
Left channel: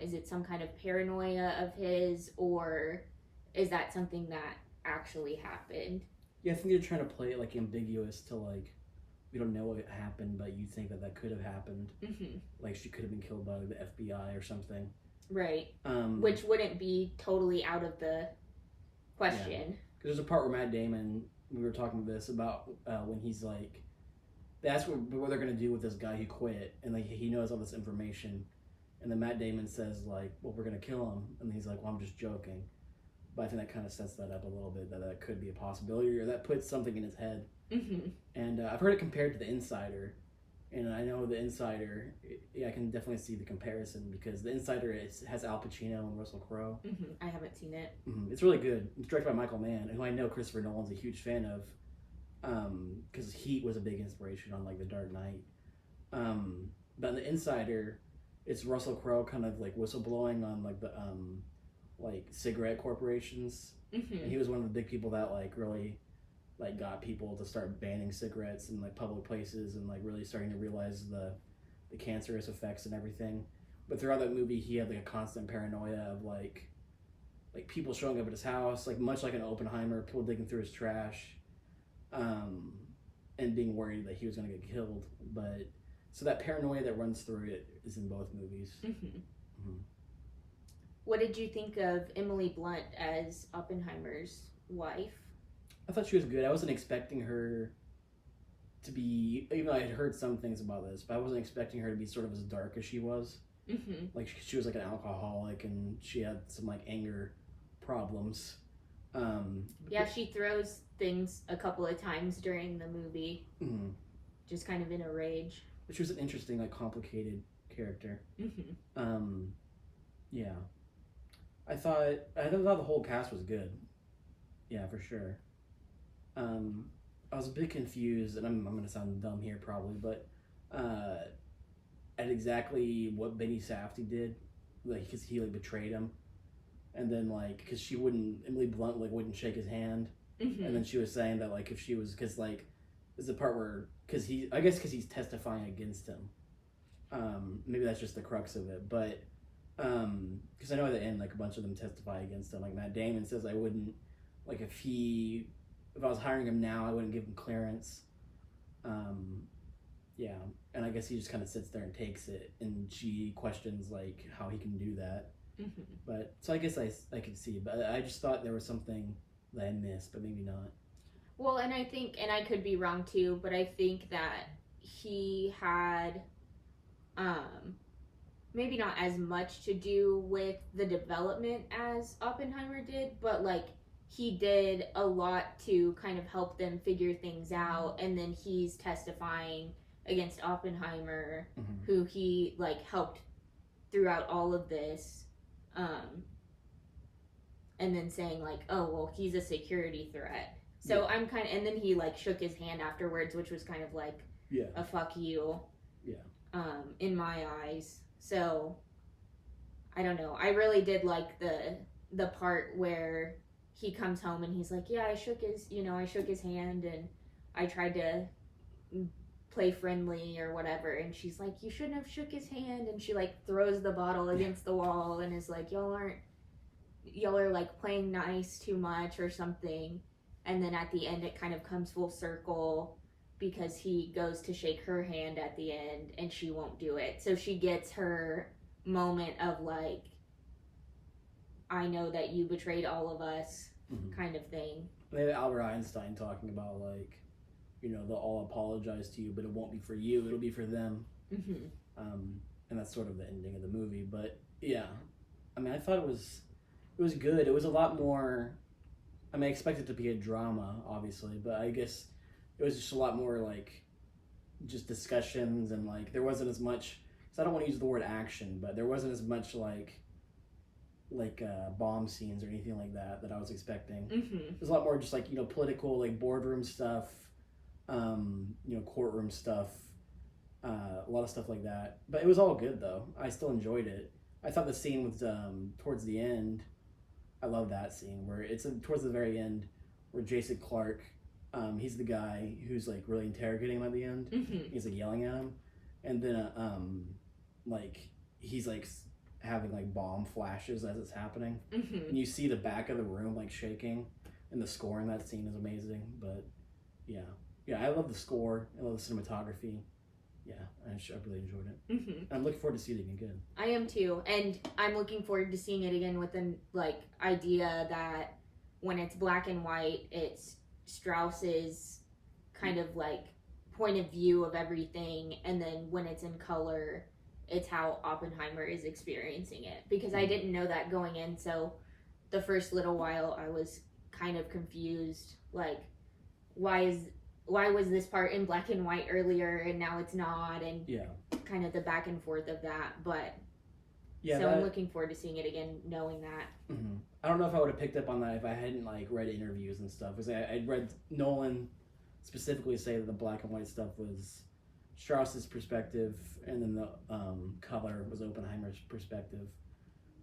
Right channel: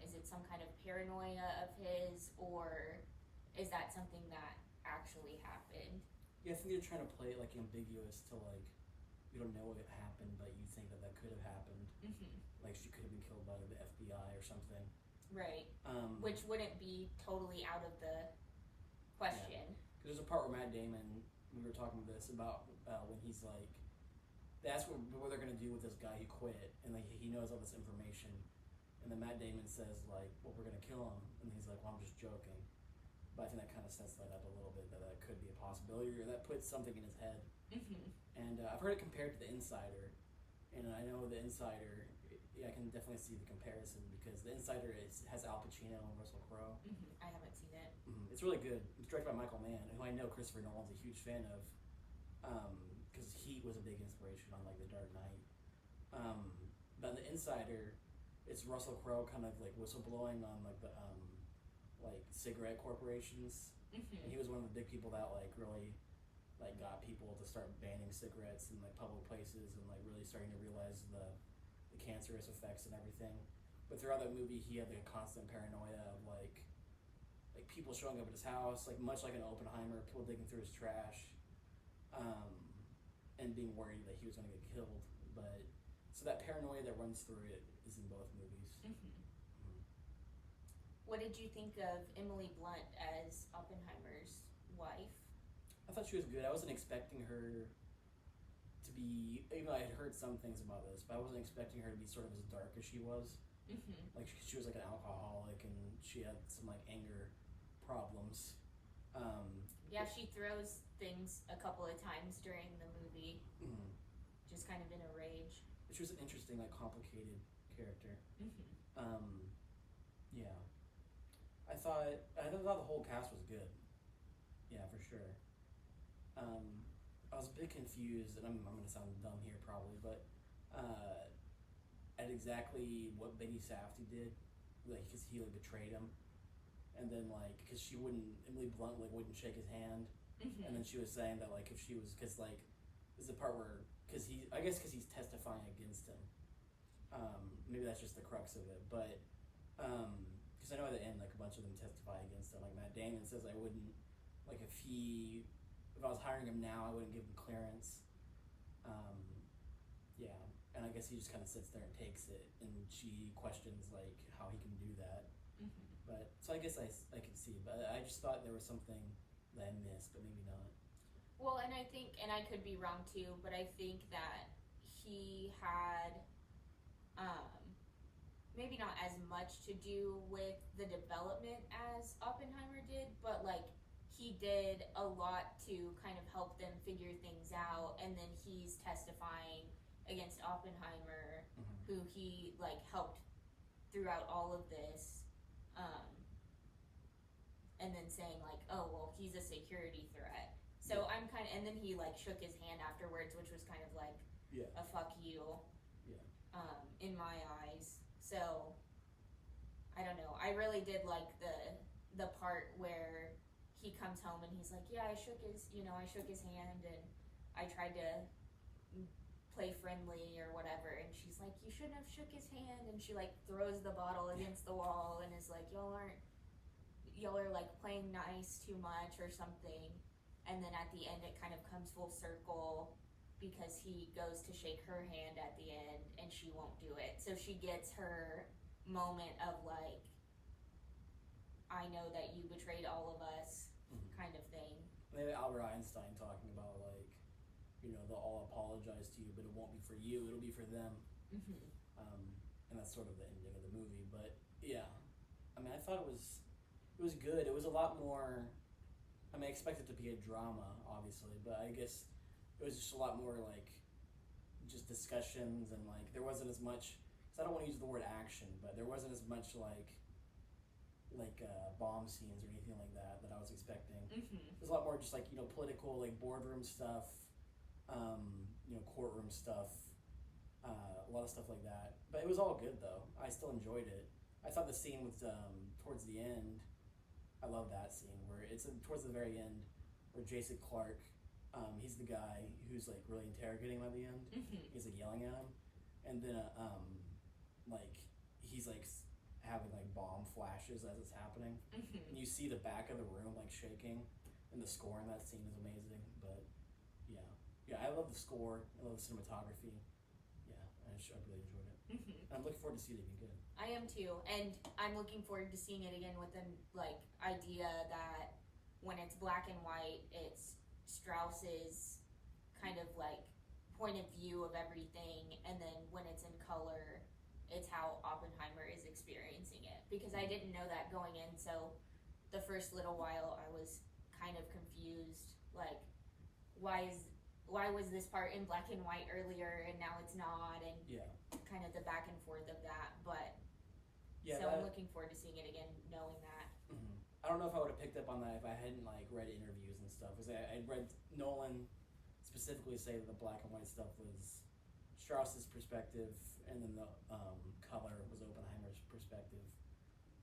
Is it some kind of paranoia of his, or is that something that actually happened? Yeah, I think they're trying to play it like ambiguous to like, we don't know what happened, but you think that could have happened. Like, she could have been killed by the FBI or something. Right. Which wouldn't be totally out of the question. Because there's a part where Matt Damon, we were talking about this, about when he's like, that's what they're going to do with this guy who quit, and like he knows all this information, and then Matt Damon says like, well, we're going to kill him, and he's like, well, I'm just joking. But I think that kind of sets that up a little bit, that could be a possibility, or that puts something in his head. And I've heard it compared to The Insider, and I know The Insider, I can definitely see the comparison, because The Insider has Al Pacino and Russell Crowe. I haven't seen it. It's really good. It's directed by Michael Mann, who I know Christopher Nolan's a huge fan of, because Heat was a big inspiration on like The Dark Knight. But in The Insider, it's Russell Crowe kind of like whistleblowing on like the like cigarette corporations, and he was one of the big people that like really like got people to start banning cigarettes in like public places, and like really starting to realize the cancerous effects and everything. But throughout that movie, he had like a constant paranoia of like people showing up at his house, like much like an Oppenheimer, people digging through his trash, and being worried that he was going to get killed. But so that paranoia that runs through it is in both movies. What did you think of Emily Blunt as Oppenheimer's wife? I thought she was good. I wasn't expecting her to be, even though I had heard some things about this, but I wasn't expecting her to be sort of as dark as she was. Like, she was like an alcoholic, and she had some like anger problems. Yeah, she throws things a couple of times during the movie, just kind of in a rage. But she was an interesting, like, complicated character. Yeah. I thought the whole cast was good. Yeah, for sure. I was a bit confused, and I'm going to sound dumb here probably, but at exactly what Benny Safdie did, like, because he like betrayed him, and then like because Emily Blunt like wouldn't shake his hand, and then she was saying that like if she was, because like there's the part where because he's testifying against him. Maybe that's just the crux of it, but because I know at the end like a bunch of them testify against him. Like Matt Damon says, I wouldn't, like if I was hiring him now, I wouldn't give him clearance. Yeah, and I guess he just kind of sits there and takes it, and she questions like how he can do that. But so I guess I could see, but I just thought there was something that I missed, but maybe not. Well, and I think, and I could be wrong too, but I think that he had maybe not as much to do with the development as Oppenheimer did, but like he did a lot to kind of help them figure things out, and then he's testifying against Oppenheimer, who he like helped throughout all of this, and then saying like, oh well, he's a security threat. So I'm kind of, and then he like shook his hand afterwards, which was kind of like a fuck you, in my eyes. So I don't know. I really did like the part where he comes home and he's like, yeah, I shook his hand and I tried to play friendly or whatever, and she's like, you shouldn't have shook his hand, and she like throws the bottle against the wall and is like, y'all are like playing nice too much or something. And then at the end it kind of comes full circle because he goes to shake her hand at the end and she won't do it. So she gets her moment of like, I know that you betrayed all of us, kind of thing. Maybe Albert Einstein talking about like, they'll all apologize to you, but it won't be for you, it'll be for them. And that's sort of the ending of the movie. But yeah, I mean, I thought it was good. It was a lot more, I mean, I expected it to be a drama, obviously, but I guess it was just a lot more like just discussions, and like there wasn't as much, because I don't want to use the word action, but there wasn't as much like bomb scenes or anything like that I was expecting. There's a lot more just like, political, like boardroom stuff, courtroom stuff, a lot of stuff like that. But it was all good though. I still enjoyed it. I thought the scene was towards the end, I love that scene where it's towards the very end where Jason Clarke, he's the guy who's like really interrogating him at the end. He's like yelling at him, and then like he's like having like bomb flashes as it's happening, and you see the back of the room like shaking, and the score in that scene is amazing. But yeah, I love the score. I love the cinematography. Yeah, I really enjoyed it. I'm looking forward to seeing it again. I am too, and I'm looking forward to seeing it again with the like idea that when it's black and white, it's Strauss's kind of like point of view of everything, and then when it's in color, it's how Oppenheimer is experiencing it. Because I didn't know that going in, so the first little while I was kind of confused, like why was this part in black and white earlier and now it's not, and kind of the back and forth of that. But I'm looking forward to seeing it again, knowing that. I don't know if I would have picked up on that if I hadn't like read interviews and stuff, because I'd read Nolan specifically say that the black and white stuff was Strauss's perspective, and then the color was Oppenheimer's perspective.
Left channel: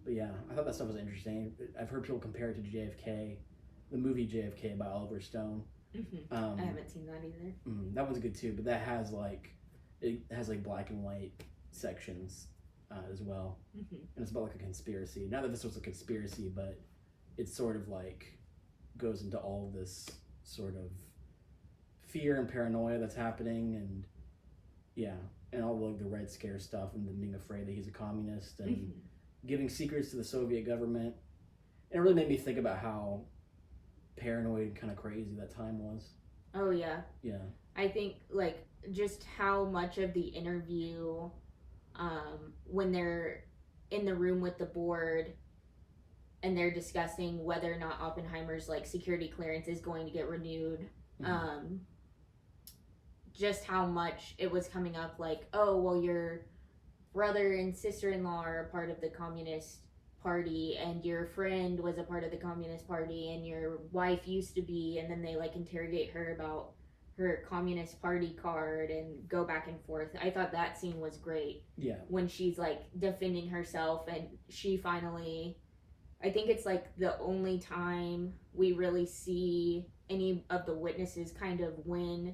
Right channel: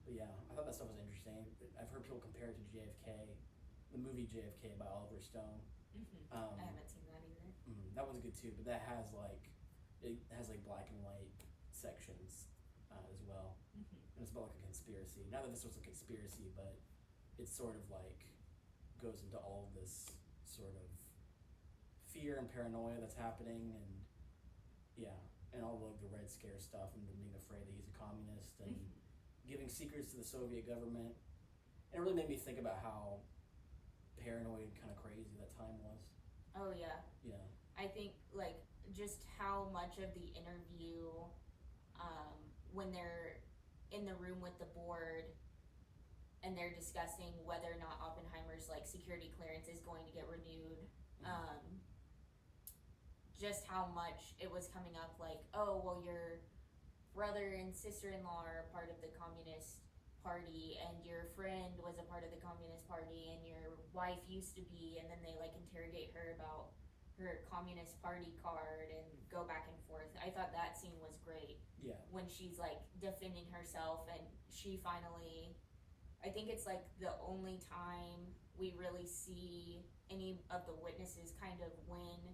But yeah, I thought that stuff was interesting. I've heard people compare it to JFK, the movie JFK by Oliver Stone. I haven't seen that either. That one's good too, but that has like black and white sections as well, and it's about like a conspiracy. Not that this was a conspiracy, but it sort of like goes into all of this sort of fear and paranoia that's happening, and all like the Red Scare stuff, and then being afraid that he's a communist and giving secrets to the Soviet government. And it really made me think about how paranoid, kind of crazy that time was. Oh yeah. I think like just how much of the interview, when they're in the room with the board and they're discussing whether or not Oppenheimer's like security clearance is going to get renewed, just how much it was coming up like, oh well, your brother and sister-in-law are a part of the Communist Party, and your friend was a part of the Communist Party, and your wife used to be, and then they like interrogate her about her Communist Party card and go back and forth. I thought that scene was great. Yeah. When she's like defending herself, and she finally, I think it's like the only time we really see any of the witnesses kind of win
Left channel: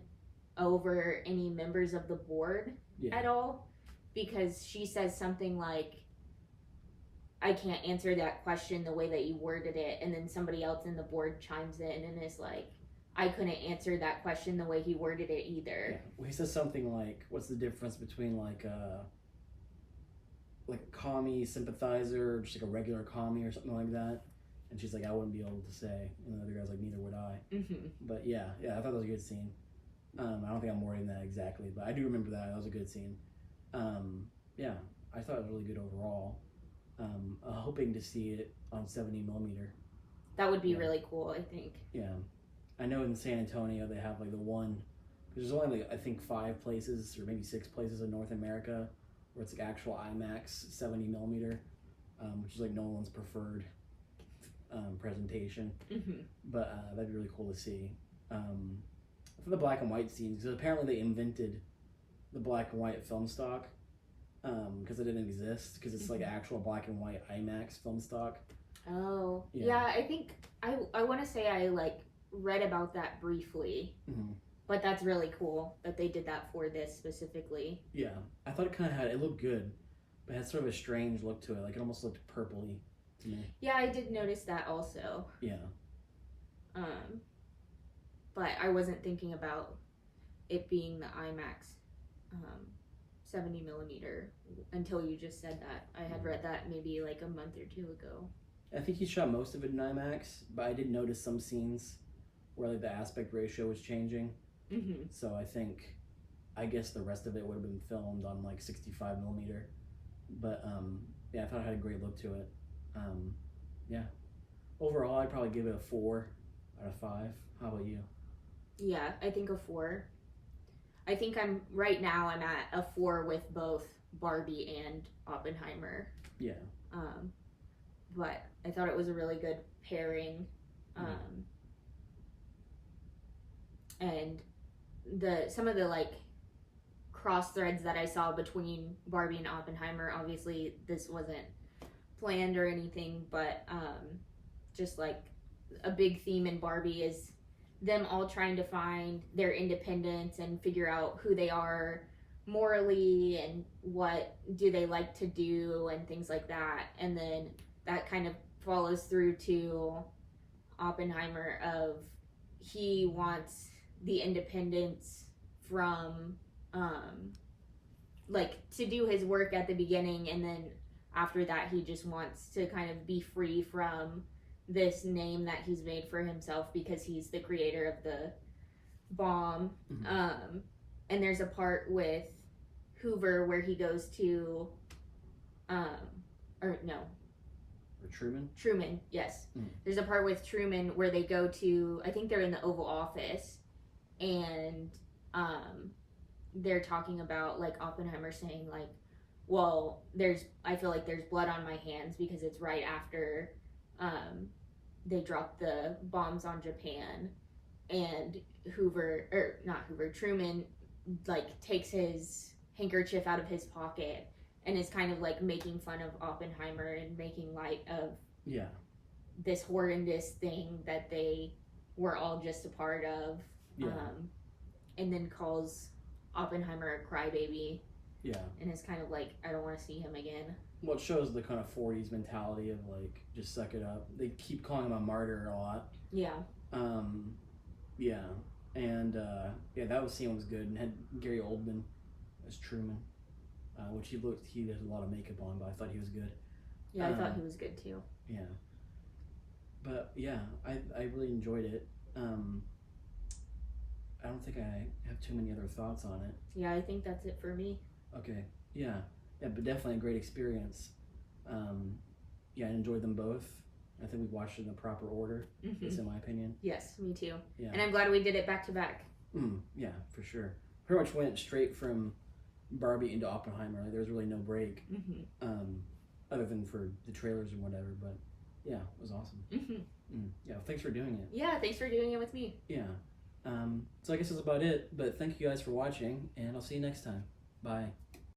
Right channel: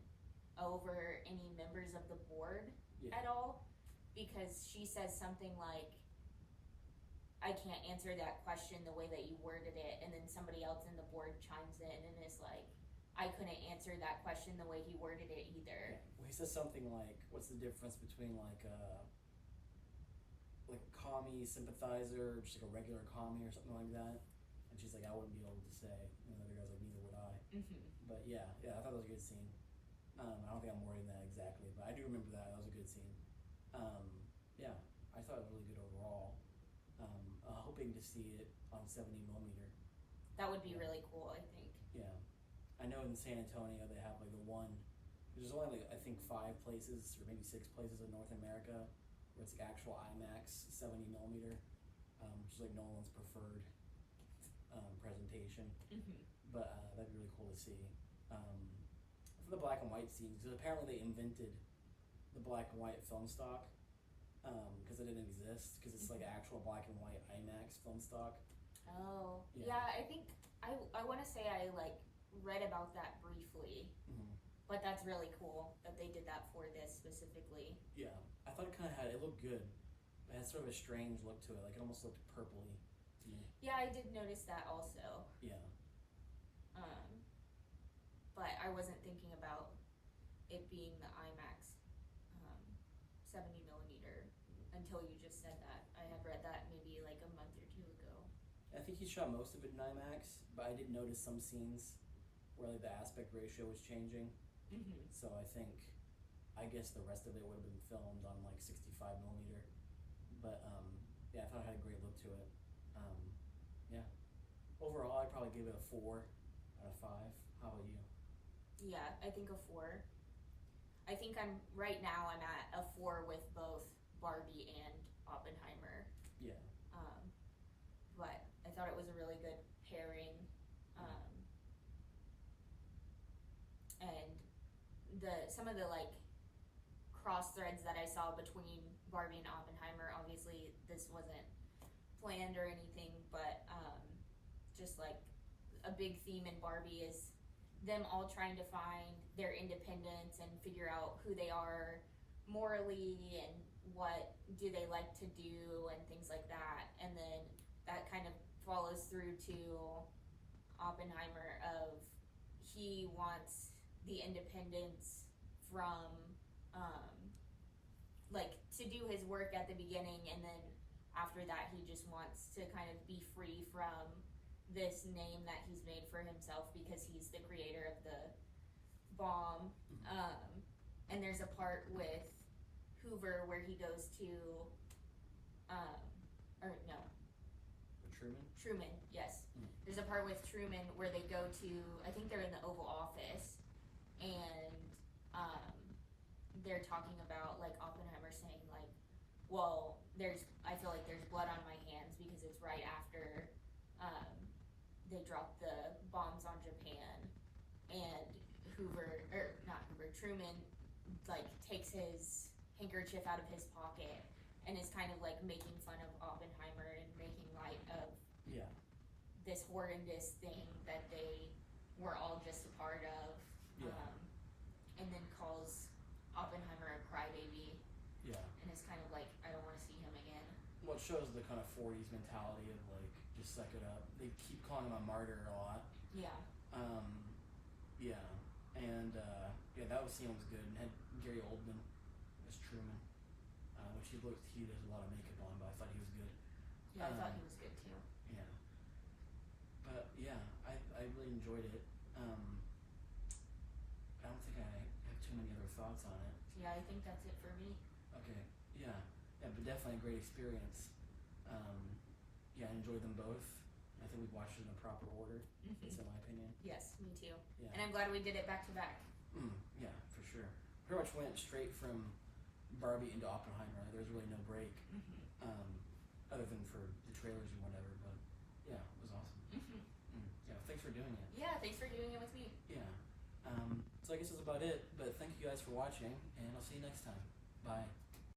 over any members of the board at all, because she says something like, I can't answer that question the way that you worded it, and then somebody else in the board chimes in and is like, I couldn't answer that question the way he worded it either. Well, he says something like, what's the difference between like like a commie sympathizer, or just like a regular commie or something like that. And she's like, I wouldn't be able to say. And the other guy's like, neither would I. But yeah, I thought that was a good scene. I don't think I'm wording that exactly, but I do remember that. That was a good scene. Yeah, I thought it was really good overall. Hoping to see it on 70 millimeter. That would be really cool, I think. Yeah. I know in San Antonio they have like the one, there's only like I think 5 places or maybe 6 places in North America where it's like actual IMAX 70 millimeter, which is like Nolan's preferred presentation. But that'd be really cool to see. For the black and white scenes, because apparently they invented the black and white film stock because it didn't exist, because it's like actual black and white IMAX film stock. Oh, yeah. I think I want to say I like read about that briefly, but that's really cool that they did that for this specifically. Yeah, I thought it looked good, but it had sort of a strange look to it. Like it almost looked purpley to me. Yeah, I did notice that also. Yeah. But I wasn't thinking about it being the IMAX 70 millimeter until you just said that. I had read that maybe like a month or 2 ago. I think he shot most of it in IMAX, but I did notice some scenes where like the aspect ratio was changing. So I guess the rest of it would have been filmed on like 65 millimeter. But yeah, I thought it had a great look to it. Yeah. Overall, I'd probably give it a 4 out of 5. How about you? Yeah, I think a 4. I think I'm at a 4 with both Barbie and Oppenheimer. Yeah. But I thought it was a really good pairing. And some of the like cross threads that I saw between Barbie and Oppenheimer, obviously this wasn't planned or anything, but just like a big theme in Barbie is them all trying to find their independence and figure out who they are morally and what do they like to do and things like that. And then that kind of follows through to Oppenheimer of he wants the independence from like to do his work at the beginning, and then after that he just wants to kind of be free from this name that he's made for himself because he's the creator of the bomb. And there's a part with Hoover where he goes to Truman, yes. There's a part with Truman where they go to, I think they're in the Oval Office, and they're talking about like Oppenheimer saying like, well, I feel like there's blood on my hands because it's right after they dropped the bombs on Japan, and Truman like takes his handkerchief out of his pocket and is kind of like making fun of Oppenheimer and making light of this horrendous thing that they were all just a part of, and then calls Oppenheimer a crybaby. And it's kind of like, I don't want to see him again. Well, it shows the kind of 40s mentality of like, just suck it up. They keep calling him a martyr a lot. And that scene was good, and had Gary Oldman as Truman, which he has a lot of makeup on, but I thought he was good. I thought he was good too. But yeah, I really enjoyed it. I don't think I have too many other thoughts on it. I think that's it for me. Okay, but definitely a great experience. I enjoyed them both. I think we watched it in the proper order. That's in my opinion. Yes, me too. And I'm glad we did it back to back. Yeah, for sure. Pretty much went straight from Barbie into Oppenheimer. Like, there was really no break, other than for the trailers and whatever. But yeah, it was awesome. Yeah, thanks for doing it. Yeah, thanks for doing it with me. So I guess that's about it. But thank you guys for watching, and I'll see you next time. Bye.